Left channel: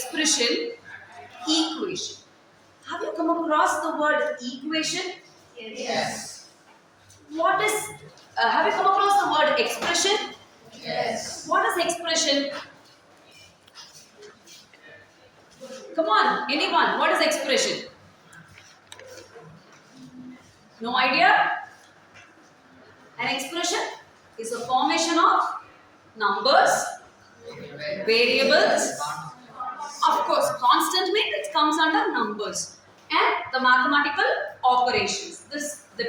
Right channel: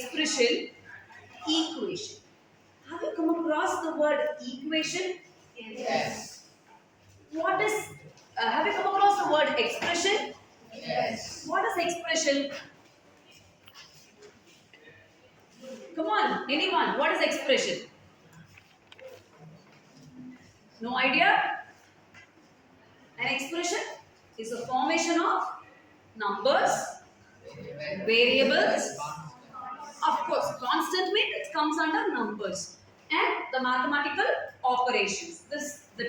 expression equation. Have you come across the word equation? Yes. What is, have you come across the word expression? Yes. What is expression? Come on, anyone, what is expression? No idea? An expression is a formation of numbers, variables, of course, constant means it comes under numbers, and the mathematical operations. The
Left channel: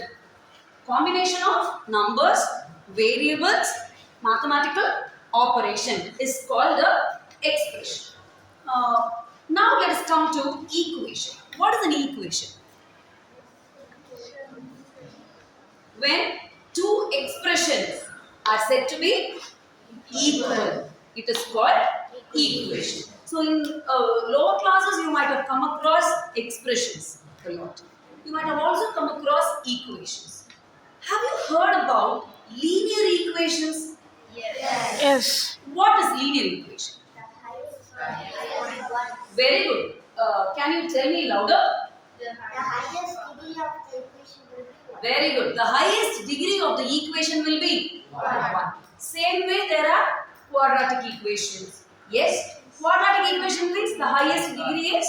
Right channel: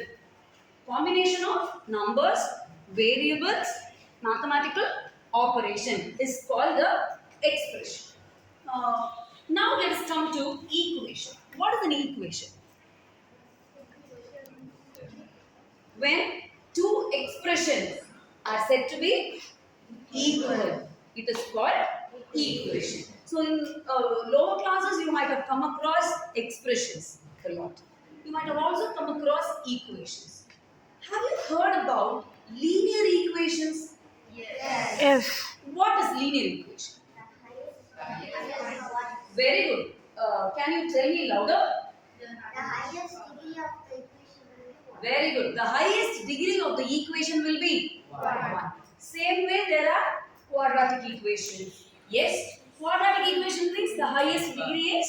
combination of numbers, variables, mathematical operation is called the expression. Now let us come to equation. What is an equation? When two expressions are said to be equal, it is called equation. So in lower classes you might have come across expressions a lot. You might have also come across equations. Have you heard about linear equations? Yes. What is linear equation? Very good. Can you tell me louder? The highest degree of the equation will be 1. Very good. The highest degree of the equation will be 1. Same way there are quadratic equations. Yes, quadratic equation means the highest degree is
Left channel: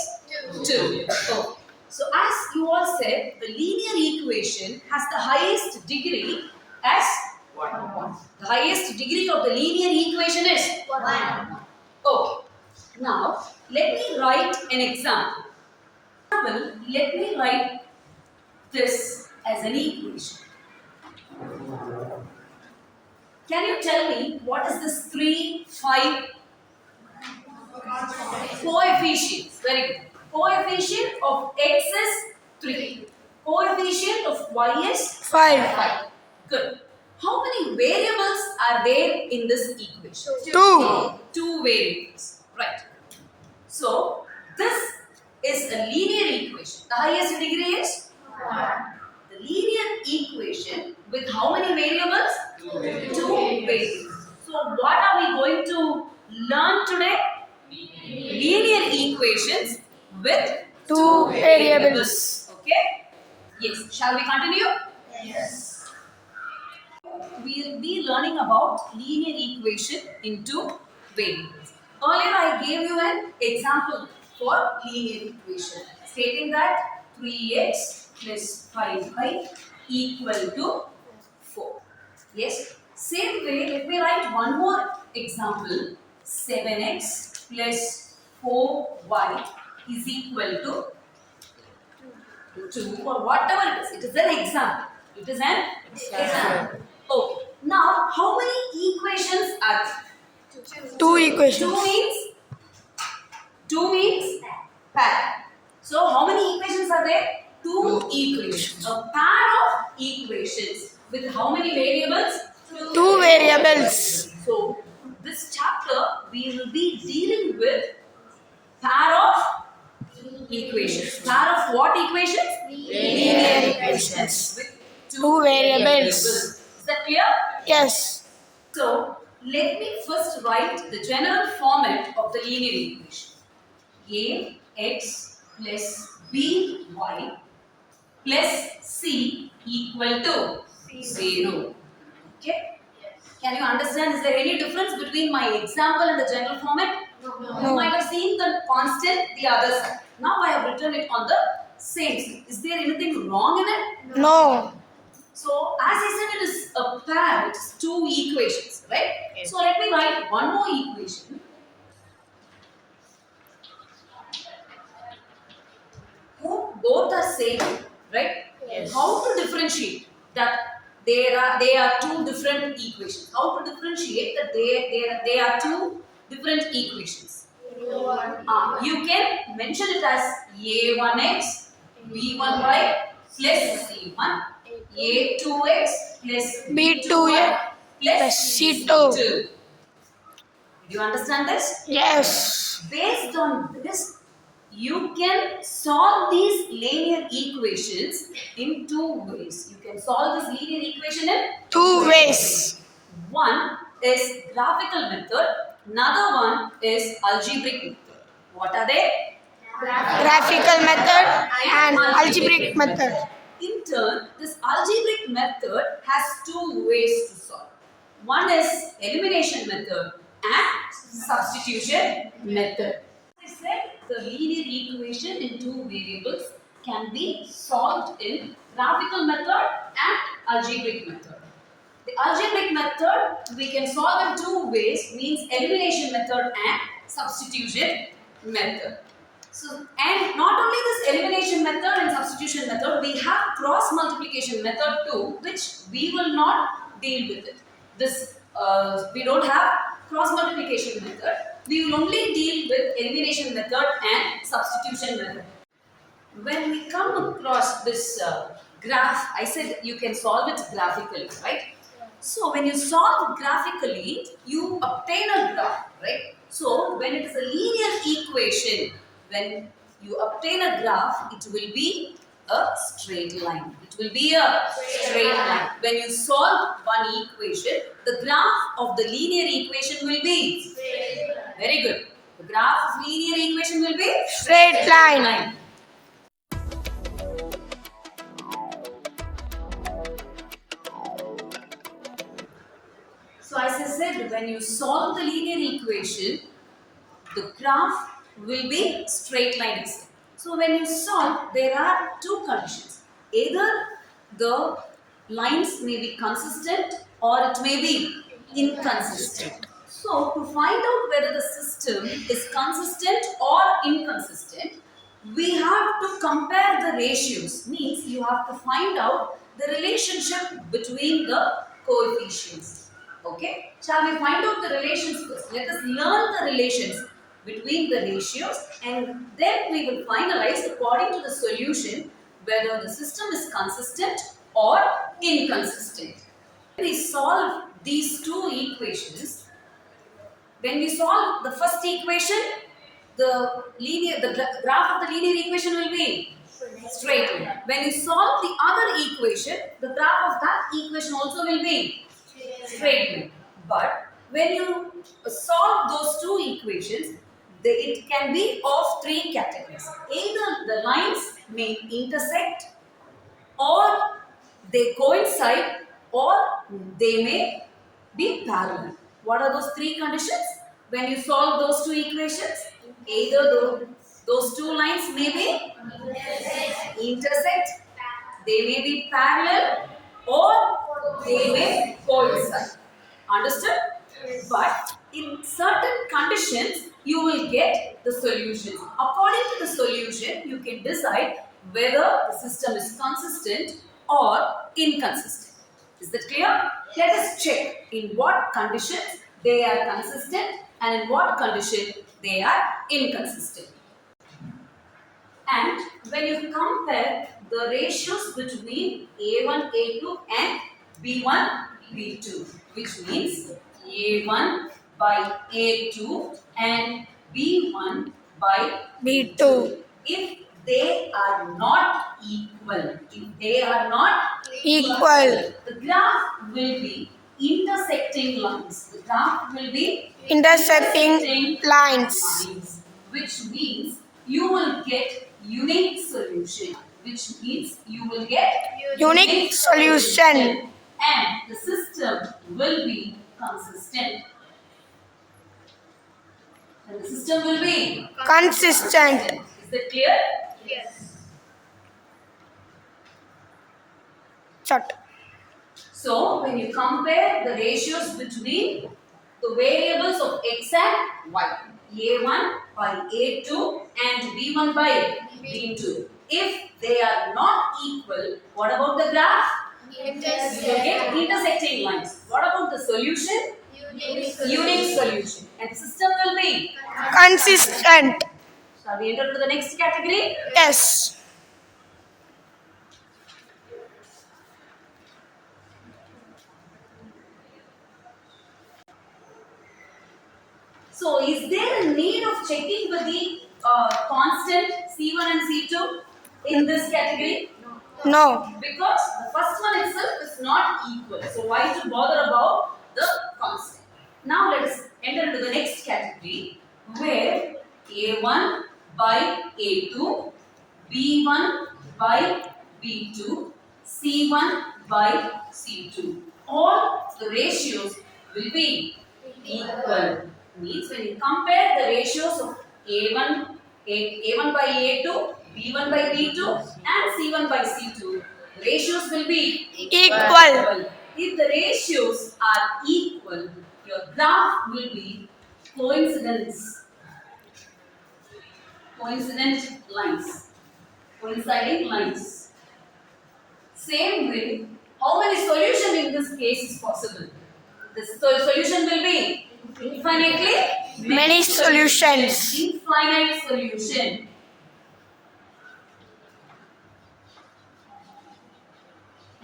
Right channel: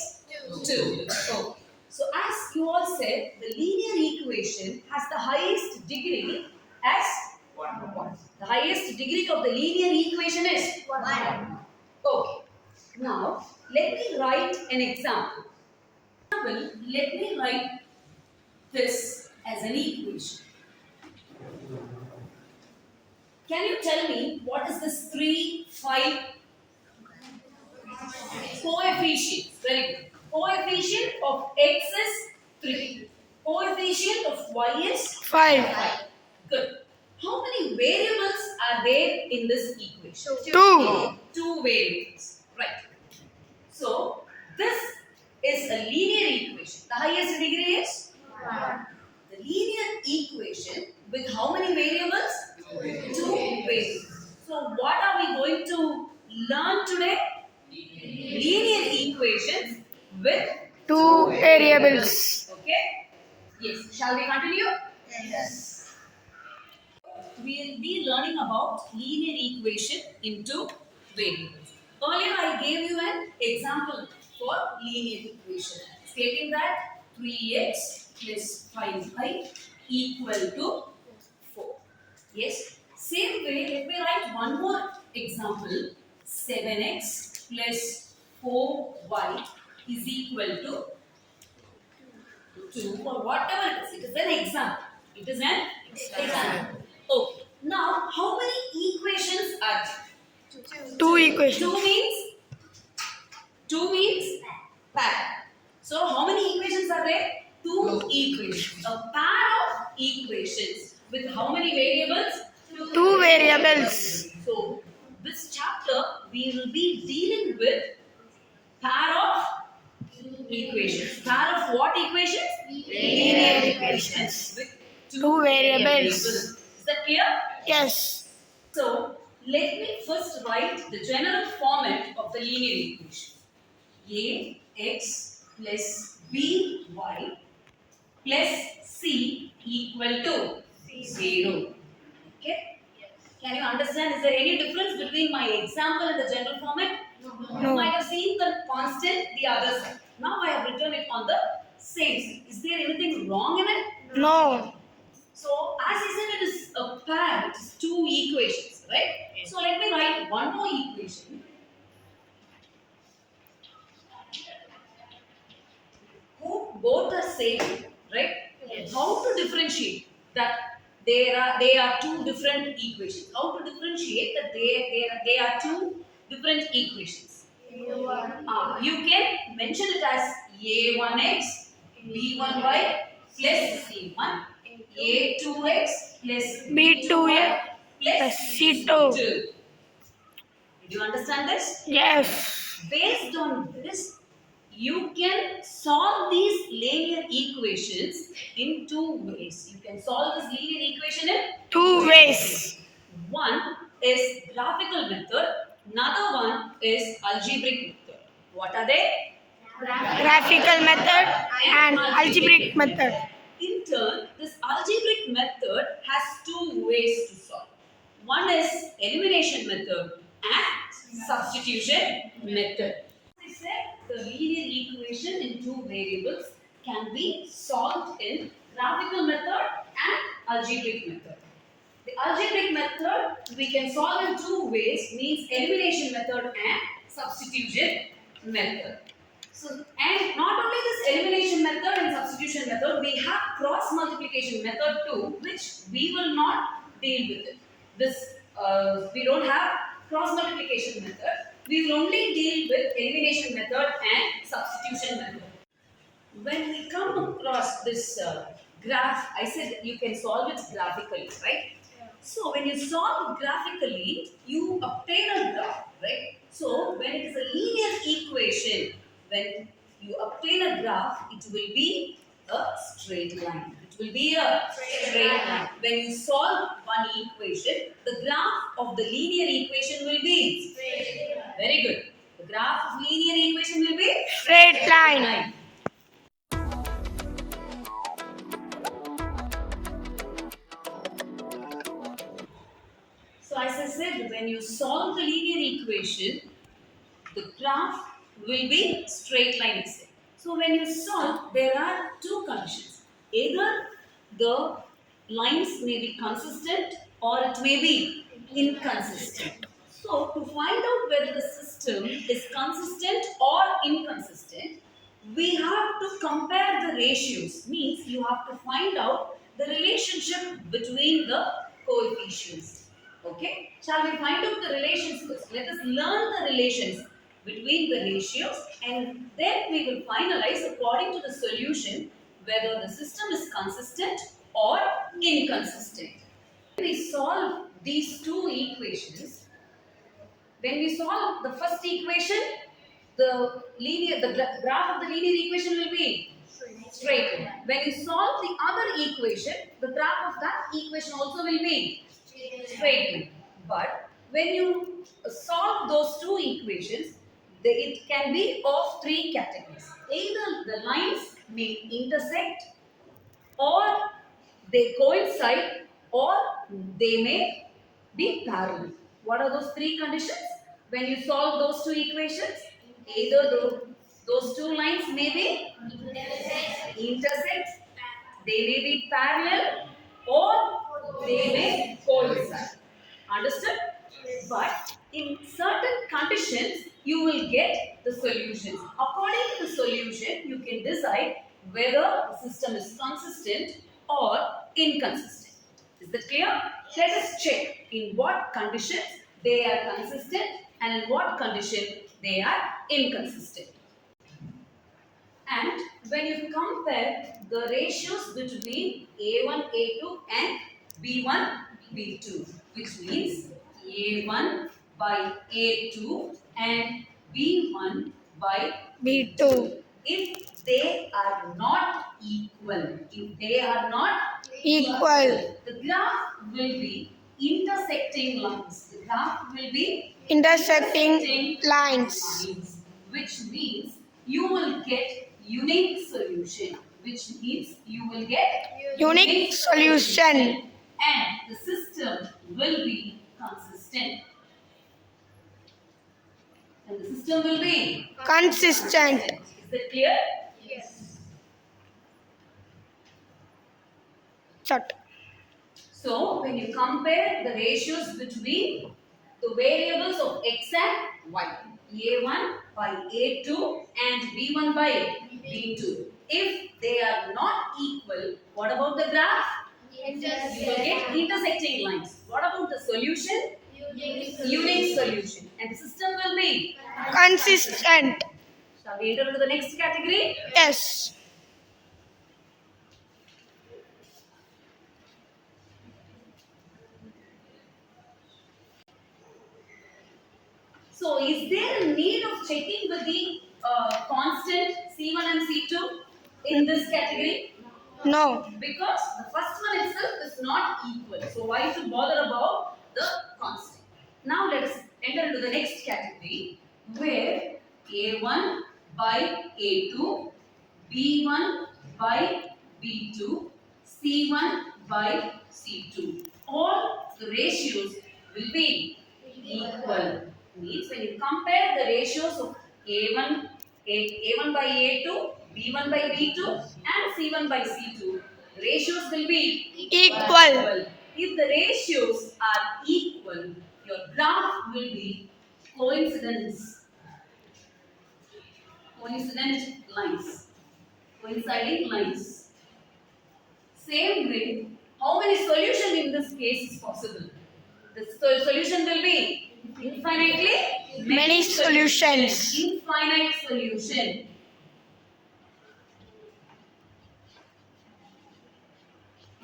2. Oh. So as you all said, the linear equation has the highest degree as 1. The highest degree of the linear equation is 1. Okay. Now, let me write an example. Let me write this as an equation. Can you tell me what is this 3, 5? Coefficients. Very good. Coefficient of x is 3. Coefficient of y is 5. Good. How many variables are there in this equation? 2. 2 variables. Right. So, this is a linear equation. The highest degree is 1. The linear equation with how many variables? 2 variables. So, what are we going to learn today? Linear equations with 2 variables. Okay? Yes. Shall we continue? Yes. We will be learning about linear equation into variables. Earlier I gave you an example for linear equation stating that 3x plus 5y equal to 4. Yes. Same way, let me write one more example. 7x plus 4y is equal to 2 or whatever it is. It is an example. It is an example. Okay. Now, how many equations are there? 2 equations. 2 means pair. So, how many equations are there? 2 equations. A pair of equations with how many variables? 2 variables. So, this chapter we will be dealing with pair of equations. Pair of what equations? Linear equations. With 2 variables. Is that clear? Yes. So, let me first write the general format of the linear equation. Ax plus by plus c equal to 0. Okay? Can you understand? Is there any difference between my example and the general format? You might have seen the constant the other side. Now I have written it on the same side. Is there anything wrong in it? No. So, as I said, it is a pair, it is 2 equations, right? Yes. So, let me write one more equation. Both are same, right? Yes. How to differentiate that they are 2 different equations? How to differentiate that they are 2 different equations? You can mention it as a1x, b1y plus c1. A2x plus B2 plus C2. Did you understand this? Yes. Based on this, you can solve these linear equations in 2 ways. You can solve this linear equation in 2 ways. One is graphical method, another one is algebraic method. What are they? Graphical method and algebraic method. In turn, this algebraic method has two ways to solve. One is elimination method and substitution method. I said the linear equation in two variables can be solved in graphical method and algebraic method. The algebraic method we can solve in two ways, means elimination method and substitution method. So, and not only this elimination method and substitution method, we have cross multiplication method too, which we will not deal with it. This we don't have cross multiplication method. We will only deal with elimination method and substitution method. When we come across this graph, I said you can solve it graphically, right? So when you solve graphically, you obtain a graph, right? So when it is a linear equation, when you obtain a graph, it will be a straight line. It will be a straight line. When you solve one equation, the graph of the linear equation will be straight. Very good. The graph of linear equation will be Straight line. So as I said, when you solve the linear equation, the graph will be straight line. So when you solve, there are two conditions. Either the lines may be consistent or it may be inconsistent. So to find out whether the system is consistent or inconsistent, we have to compare the ratios. Means you have to find out the relationship between the coefficients. Okay? Shall we find out the relations first? Let us learn the relations between the ratios and then we will finalize according to the solution whether the system is consistent or inconsistent. When we solve these two equations, when we solve the first equation, the graph of the linear equation will be straight line. When you solve the other equation, the graph of that equation also will be straight line. But when you solve those two equations, it can be of three categories. Either the lines may intersect, or they coincide, or they may be parallel. What are those three conditions? When you solve those two equations, either those two lines may be intersect, they may be parallel, or they may coincide. Understood? But in certain conditions, you will get the solutions. According to the solution, you can decide whether the system is consistent or inconsistent. Is that clear? Let us check in what conditions they are consistent and in what condition they are inconsistent. And when you compare the ratios between A1, A2 and B1, B2, which means A1 by A2 and B1 by B2. If they are not equal, Equal. the graph will be intersecting lines. The graph will be Intersecting lines. which means you will get unique solution. Which means you will get Unique solution. and the system will be consistent. And the system will be Consistent. Is that clear? Short. So when you compare the ratios between the variables of x and y, a1 by a2 and b1 by b2, if they are not equal, what about the graph? You will get intersecting lines. What about the solution? Unique solution. And system will be. Consistent. Shall we enter to the next category? Yes. So, is there a need of checking with the constant C1 and C2 in this category? No. Because the first one itself is not equal. So, why to bother about the constant? Now, let us enter into the next category where A1 by A2, B1 by B2, C1 by C2. All the ratios will be equal. Means when you compare the ratios of A1 by A2, B1 by B2 and C1 by C2, the ratios will be Equal. If the ratios are equal, your graph will be coincident lines, coinciding lines. Same way, how many solutions in this case is possible? The solution will be infinitely Many solutions. Infinite solution.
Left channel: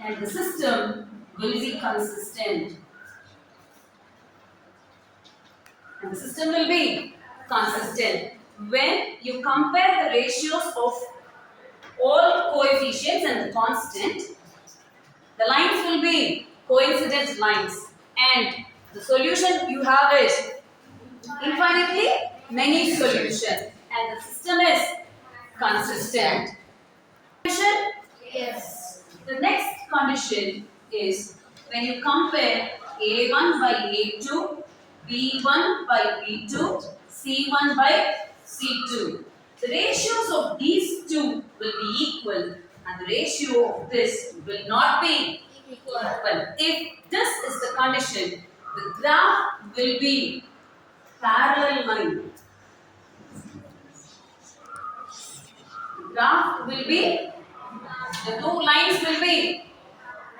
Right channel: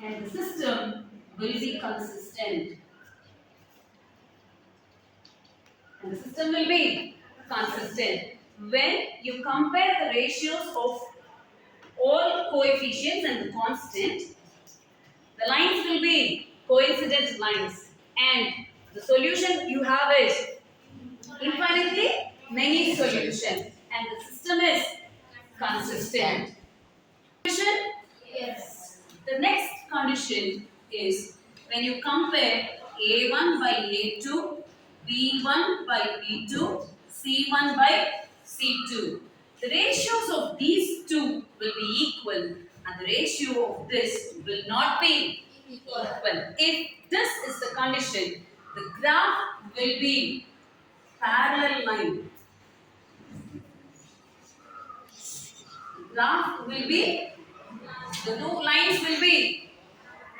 And the system will be consistent. And the system will be consistent. When you compare the ratios of all coefficients and the constant, the lines will be coincident lines. And the solution you have is infinitely many solutions. And the system is consistent. Solution? Yes. The next condition is when you compare A1 by A2, B1 by B2, C1 by C2. The ratios of these two will be equal and the ratio of this will not be equal. If this is the condition, the graph will be parallel line. The graph will be, the two lines will be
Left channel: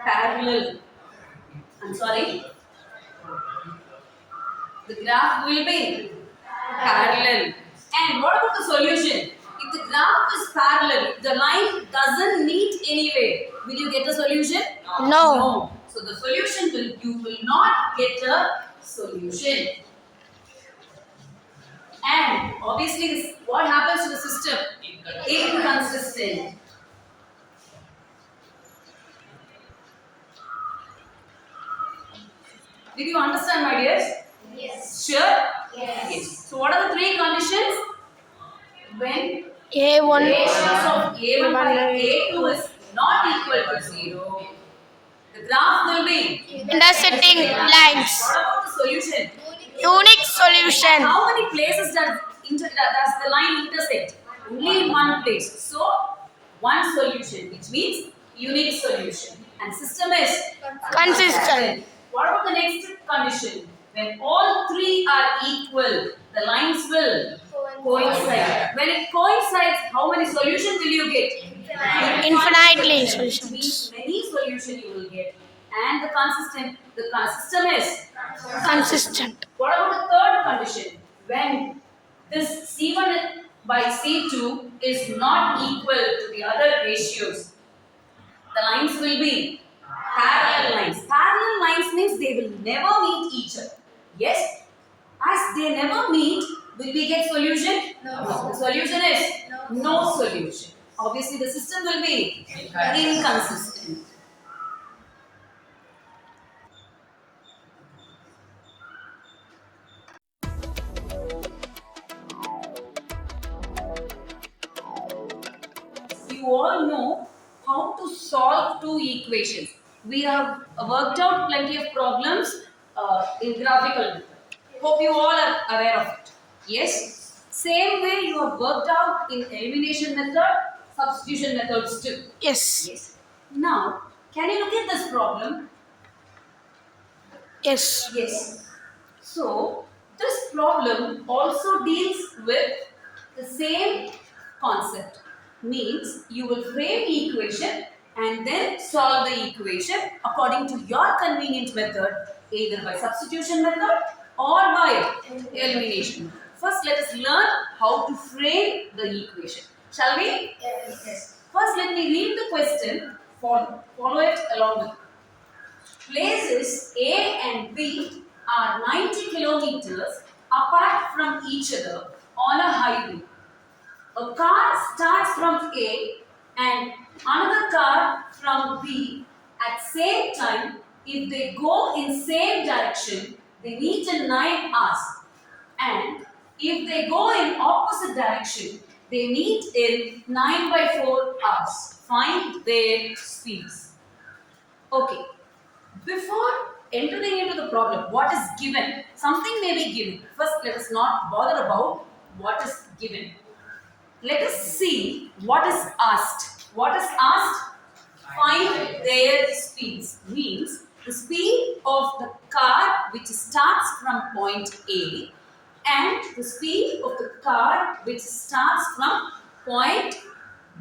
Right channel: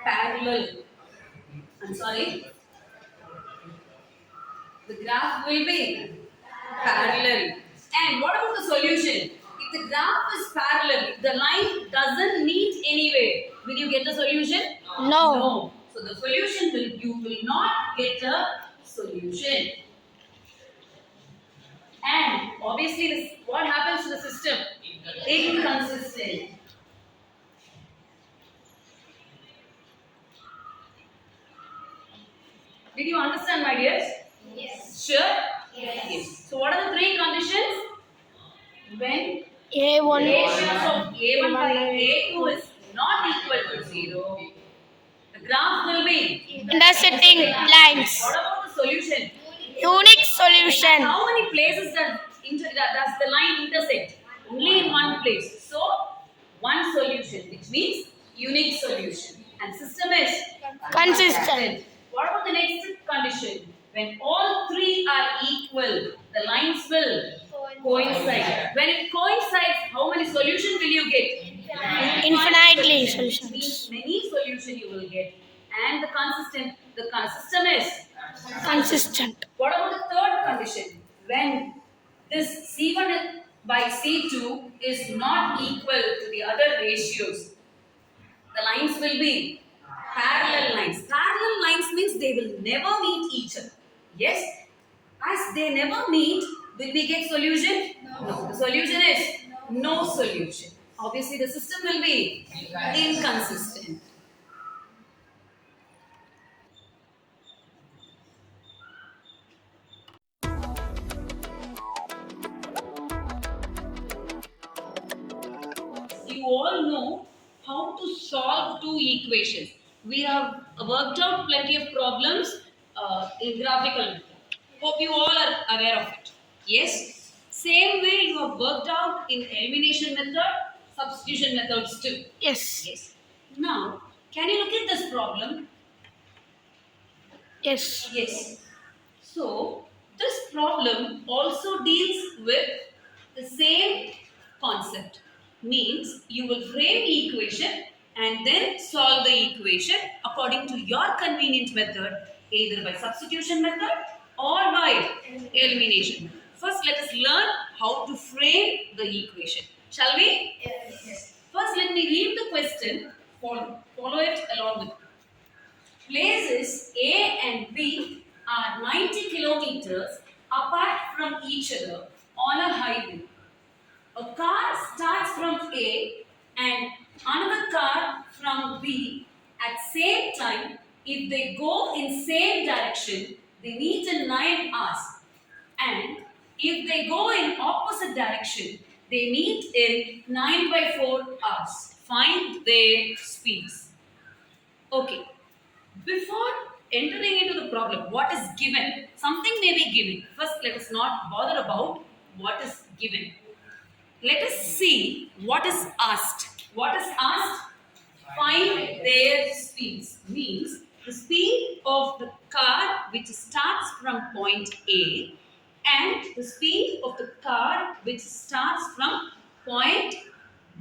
parallel. I'm sorry. The graph will be parallel. And what about the solution? If the graph is parallel, the line doesn't meet anywhere, will you get a solution? No. So the solution will, you will not get a solution. And obviously, this, what happens to the system? Inconsistent. Did you understand, my dears? Yes. Sure? Yes. So what are the three conditions? When A1. ratios of A1 by A2 is not equal to 0, the graph will be. Intersecting lines. What about the solution? Unique solution. How many places does the line intersect? Only in one place. So, one solution, which means unique solution. And system is Consistent. What about the next condition? When all three are equal, the lines will coincide. When it coincides, how many solutions will you get? Infinitely Which solutions. means many solutions you will get. And the system is Consistent. What about the third condition? When this C1 by C2 is not equal to the other ratios, the lines will be parallel lines. Parallel lines means they will never meet each other. Yes? As they never meet, will we get solution? No. The solution is no solution. Obviously, the system will be inconsistent. You all know how to solve two equations. We have worked out plenty of problems in graphical method. Hope you all are aware of it. Yes? Same way you have worked out in elimination method, substitution methods too. Yes. Yes. Now, can you look at this problem? Yes. Yes. So, this problem also deals with the same concept. Means you will frame the equation and then solve the equation according to your convenient method, either by substitution method or by elimination. First, let us learn how to frame the equation. Shall we? Yes. First, let me read the question. Follow it along with me. Places A and B are 90 kilometers apart from each other on a highway. A car starts from A and another car from B at same time. If they go in same direction, they meet in 9 hours. And If they go in opposite direction, they meet in 9/4 hours. Find their speeds. Okay. Before entering into the problem, what is given? Something may be given. First, let us not bother about what is given. Let us see what is asked. What is asked? Find their speeds. Means the speed of the car which starts from point A and the speed of the car which starts from point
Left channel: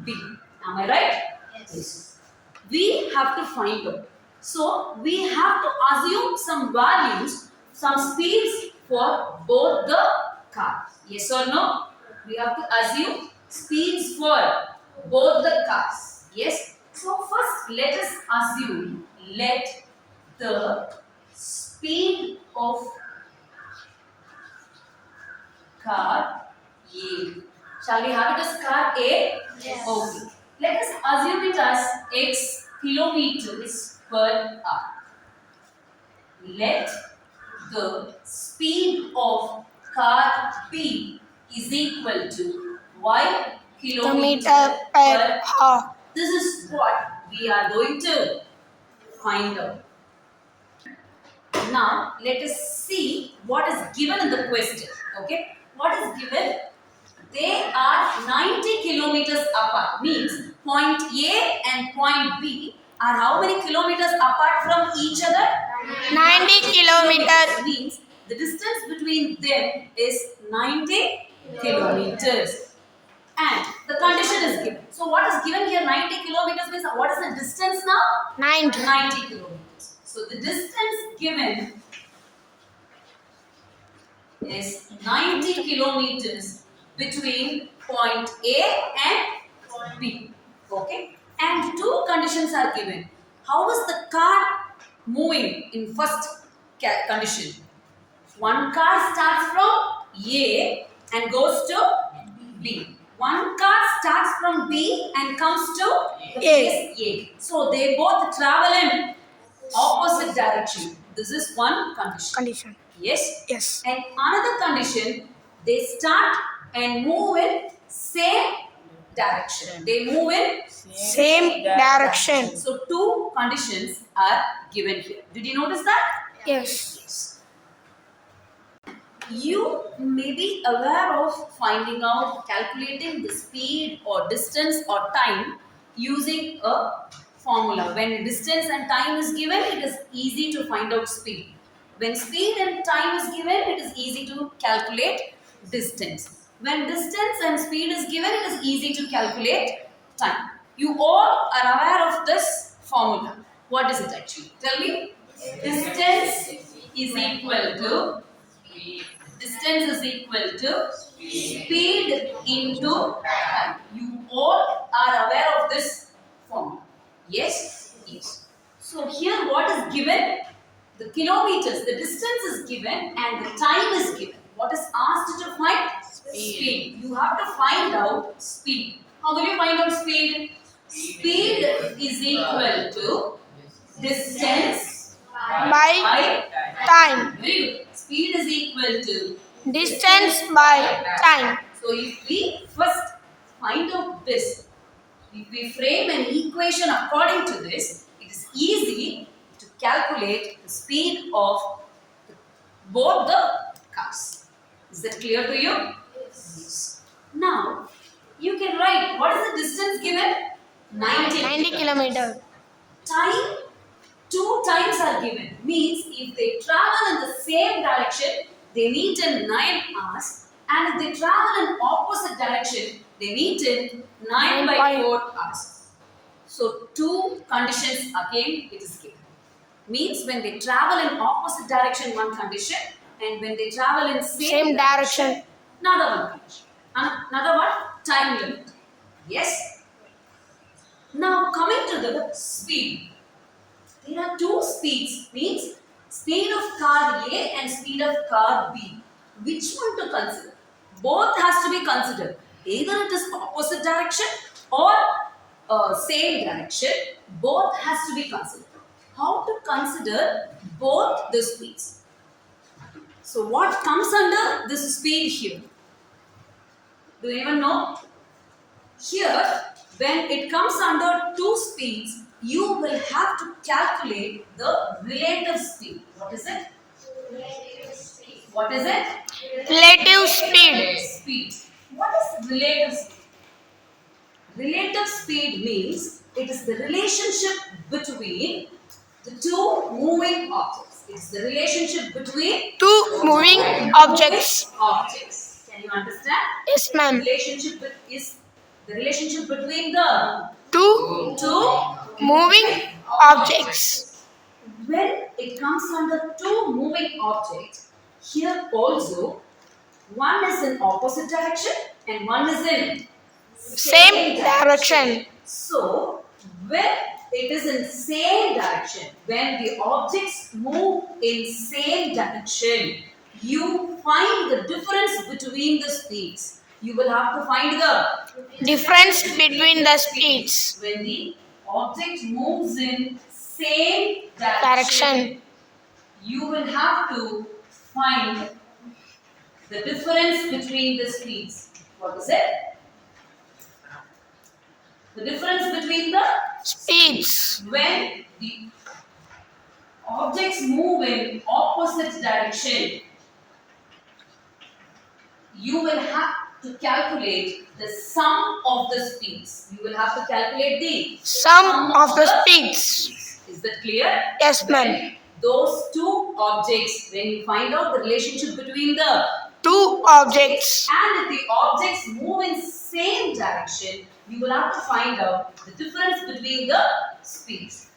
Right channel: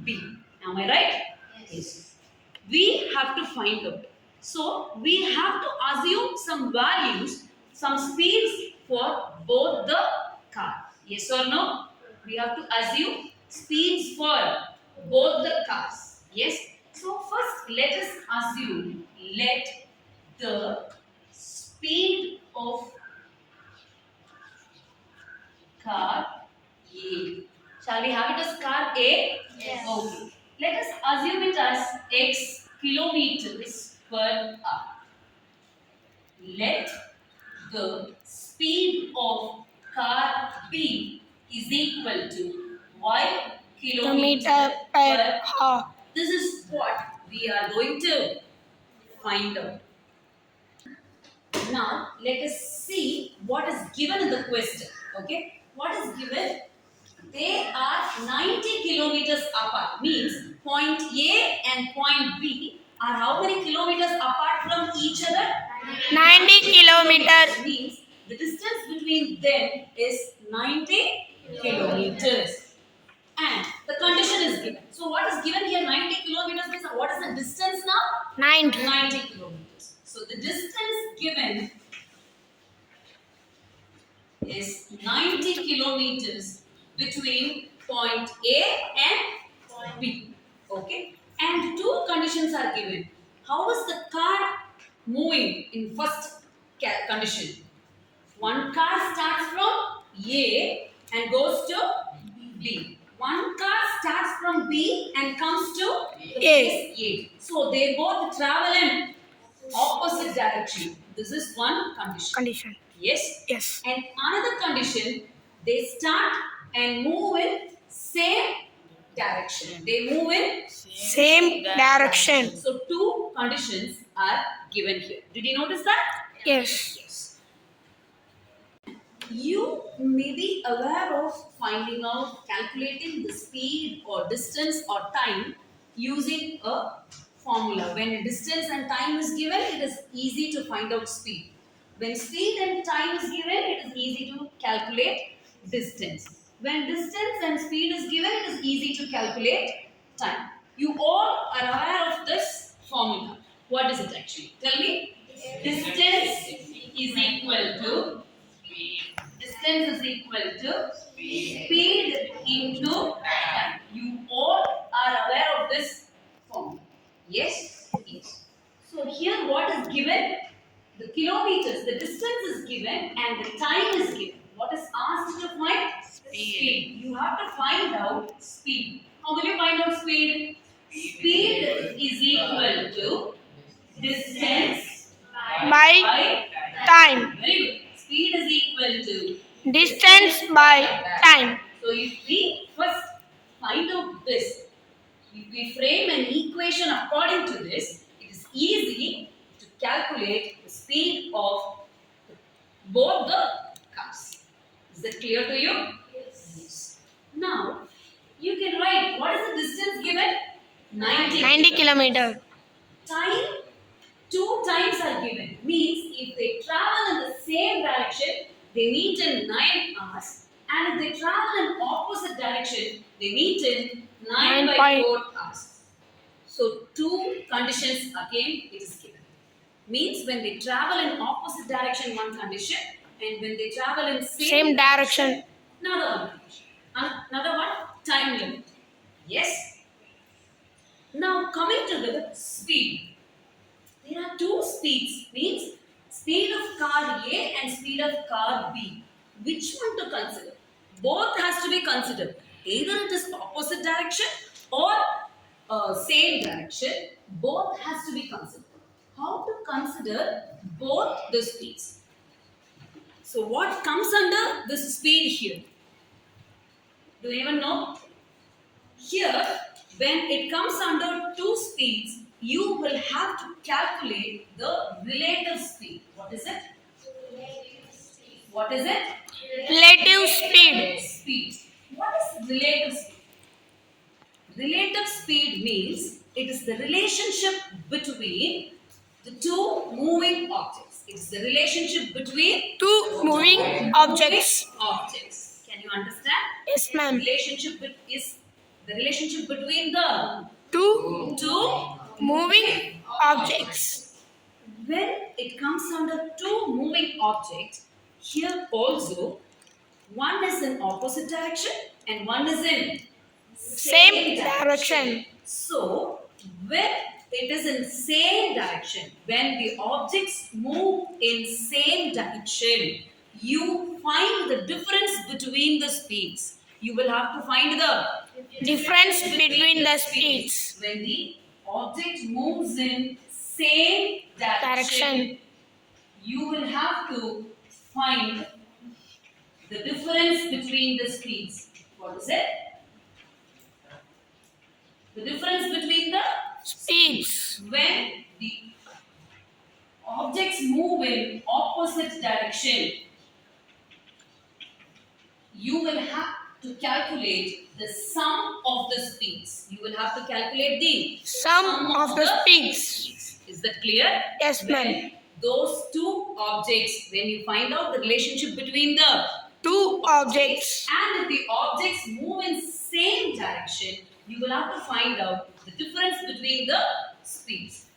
B. Am I right? Yes. We have to find out. So we have to assume some values, some speeds for both the cars. Yes or no? We have to assume speeds for both the cars. Yes. So first let us assume let the speed of car A. Shall we have it as car A? Yes. Okay. Let us assume it as x kilometers per hour. Let the speed of car B is equal to y kilometer Kilometer per hour. This is what we are going to find out. Now, let us see what is given in the question. Okay? What is given? They are 90 kilometers apart. Means point A and point B are how many kilometers apart from each other? 90 kilometers. Means the distance between them is 90 kilometers. And the condition is given. So what is given here? 90 kilometers means what is the distance now? 90. 90 kilometers. So the distance given is 90 kilometers between point A and point B. Okay? And two conditions are given. How is the car moving in first condition? One car starts from A and goes to B. One car starts from B and comes to the place A. So they both travel in opposite direction. This is one condition. Condition. Yes? Yes. And another condition, they start and move in same direction. They move in Same direction. So two conditions are given here. Did you notice that? Yes. Yes. You may be aware of finding out, calculating the speed or distance or time using a formula. When distance and time is given, it is easy to find out speed. When speed and time is given, it is easy to calculate distance. When distance and speed is given, it is easy to calculate time. You all are aware of this formula. What is it actually? Tell me. Distance is equal to speed into time. You all are aware of this formula. Yes? Yes. So here what is given? The kilometers, the distance is given and the time is given. What is asked to find? Speed. You have to find out speed. How will you find out speed? Speed is equal to distance By by time. Very good. Speed is equal to Distance by time. So if we first find out this, if we frame an equation according to this, it is easy to calculate the speed of both the cars. Is that clear to you? Yes. Now, you can write what is the distance given? 90 kilometers. Time, two times are given. Means if they travel in the same direction, they meet in 9 hours. And if they travel in opposite direction, they meet in 9/4 hours. So two conditions again it is given. Means when they travel in opposite direction, one condition, and when they travel in Same direction. another one condition. Another one, time limit. Yes? Now coming to the speed. There are two speeds, means speed of car A and speed of car B. Which one to consider? Both has to be considered. Either it is opposite direction or same direction. Both has to be considered. How to consider both the speeds? So what comes under this speed here? Do anyone know? Here, when it comes under two speeds, you will have to calculate the relative speed. What is it? What is it? Relative speed. Speed. What is relative speed? Relative speed means it is the relationship between the two moving objects. It is the relationship between Two moving objects. objects. Can you understand? Yes, ma'am. Is the relationship between the Two two moving objects. when it comes under two moving objects, here also one is in opposite direction and one is in Same direction. So when it is in same direction, when the objects move in same direction, you find the difference between the speeds. You will have to find the Difference between the speeds. when the object moves in same Direction. you will have to find the difference between the speeds. What is it? The difference between the Speeds. when the objects move in opposite direction, you will have to calculate the sum of the speeds. You will have to calculate the Sum of the speeds. Is that clear? Yes, ma'am. When those two objects, when you find out the relationship between the Two objects. and if the objects move in same direction, you will have to find out the difference between the speeds.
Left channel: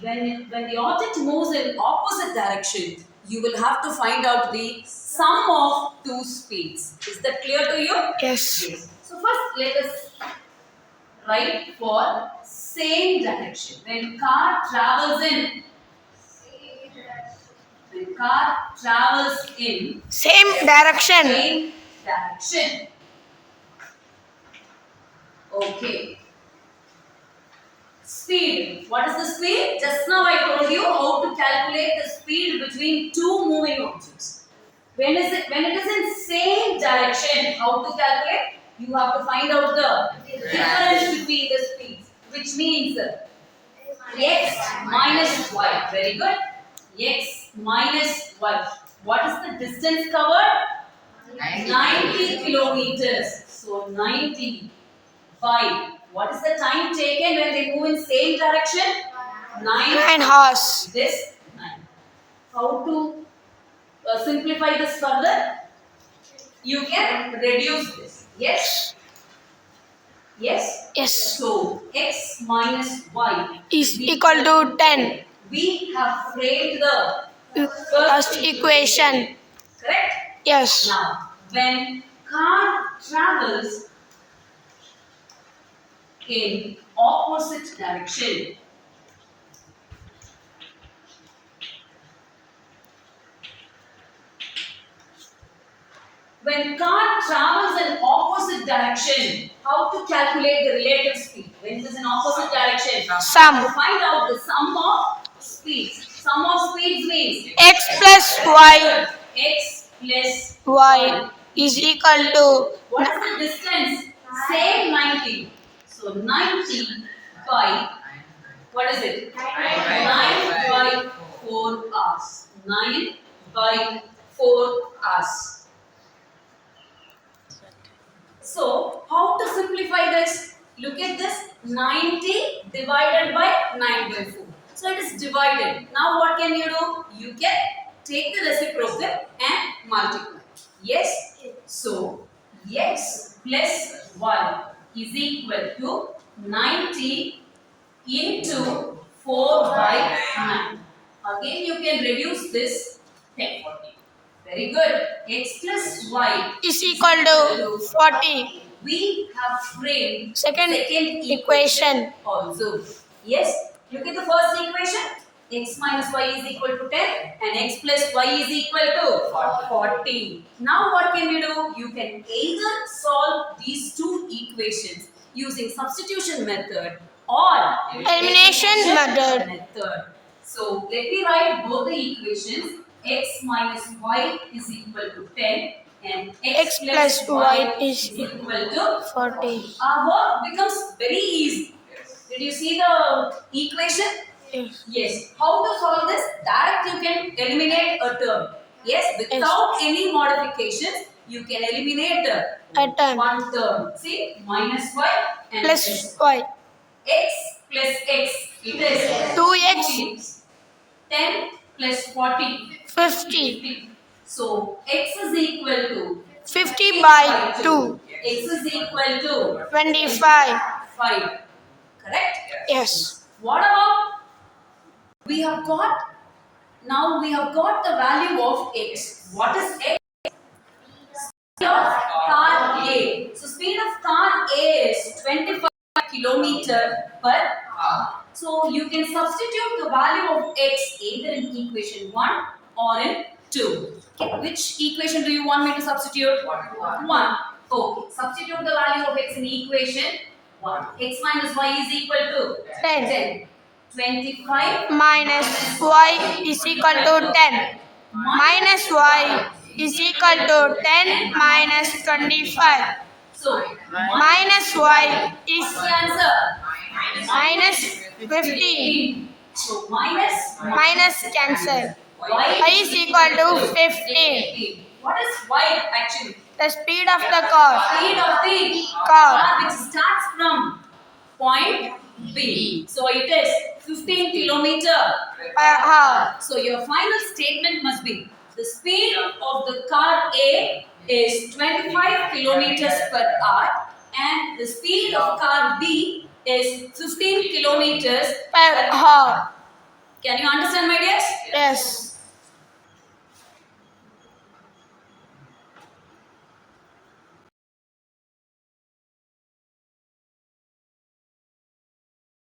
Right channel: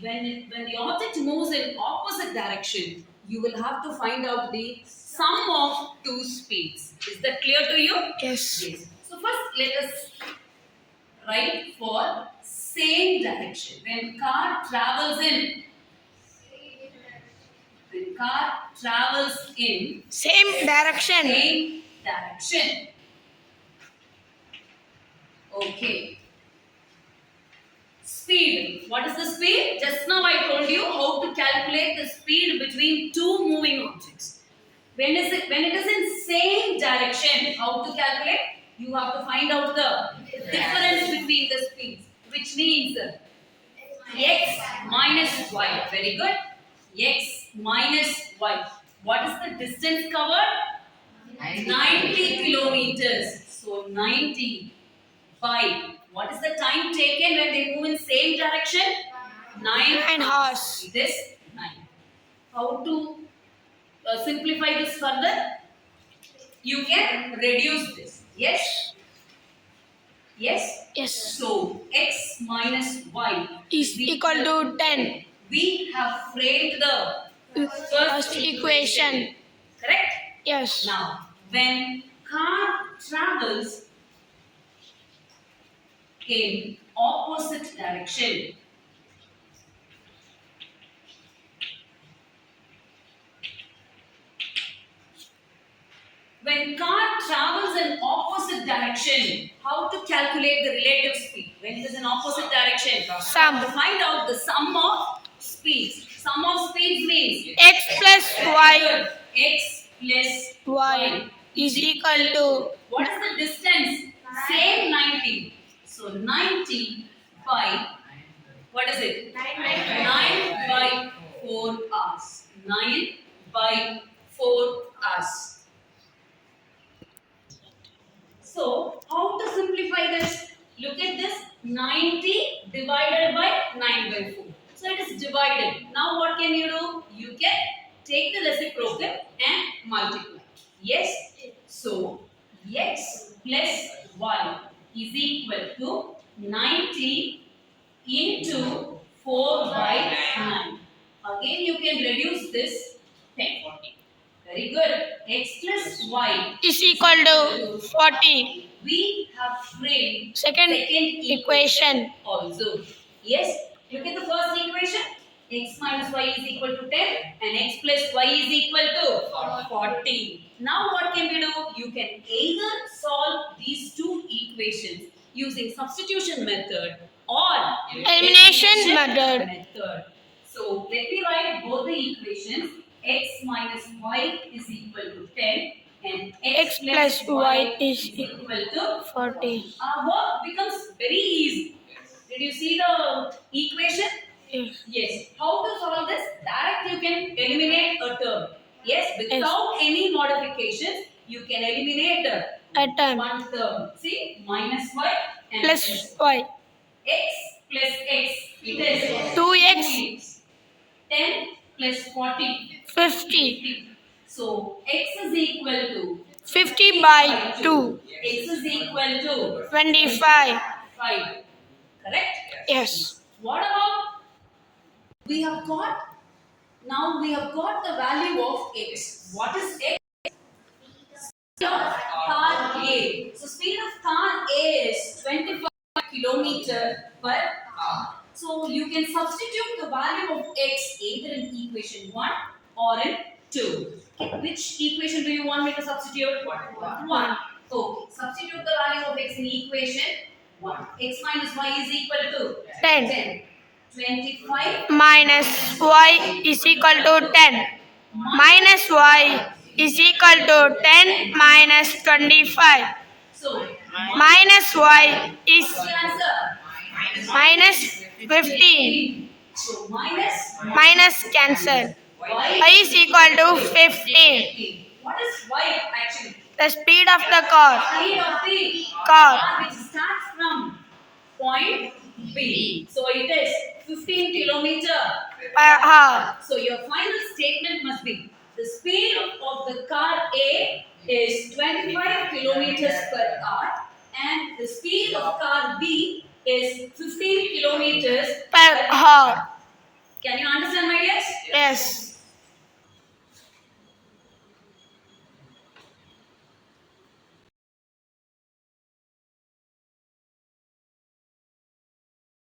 When the object moves in opposite direction, you will have to find out the sum of two speeds. Is that clear to you? Yes. Yes. So first let us write for same direction. When car travels in Same direction. same direction. Okay. Speed. What is the speed? Just now I told you how to calculate the speed between two moving objects. When it is in same direction, how to calculate? You have to find out the difference between the speeds, which means x minus y. Very good. X minus y. What is the distance covered? 90 kilometers. So 90 by what is the time taken when they move in same direction? 9 hours. This 9. How to simplify this further? You can reduce this. Yes? Yes? Yes. So x minus y Is equal to 10. we have framed the First equation. correct? Yes. Now, when car travels in opposite direction, when car travels in opposite direction, how to calculate the relative speed? When it is in opposite direction, Sum. to find out the sum of speeds. Sum of speeds means X plus y. x plus Y is equal to what is the distance? Same 90. So 90 by what is it? 9 by 4 hours. 9 by 4 hours. So how to simplify this? Look at this. 90 divided by 9 by 4. So it is divided. Now what can you do? You can take the reciprocal and multiply. Yes? So x plus y is equal to 90 into 4 by 9. Again you can reduce this 10. Very good. X plus y is equal to 40. we have framed Second equation. also. Yes, look at the first equation. X minus y is equal to 10 and x plus y is equal to 40. Now what can we do? You can either solve these two equations using substitution method or Elimination method. So let me write both the equations. x minus y is equal to 10 and X plus y is equal to 40. our work becomes very easy. Did you see the equation? Yes. Yes. How to solve this? Direct you can eliminate a term. Yes, without any modifications, you can eliminate A term. one term. See, minus y and Plus y. x plus x. It is 2x. 10 plus 40. 50. So x is equal to 50 by 2. x is equal to 25. 5. Correct? Yes. What about we have got the value of x. What is x? Speed of car A. So speed of car A is 25 kilometer per hour. So you can substitute the value of x either in equation 1 or in 2. Okay. Which equation do you want me to substitute? 1. Okay. Substitute the value of x in equation 1. X minus y is equal to 10. 25 Minus y is equal to 10. Minus y is equal to 10 minus 25. So, Minus y is what's the answer? minus 15. So, minus Minus cancel. Y is equal to 15. What is y actually? The speed of the car. Speed of the Car. which starts from point B. So, it is 15 kilometer Per hour. So, your final statement must be the speed of the car A is 25 kilometers per hour and the speed of car B is 15 kilometers Per hour. Can you understand, my dears? Yes.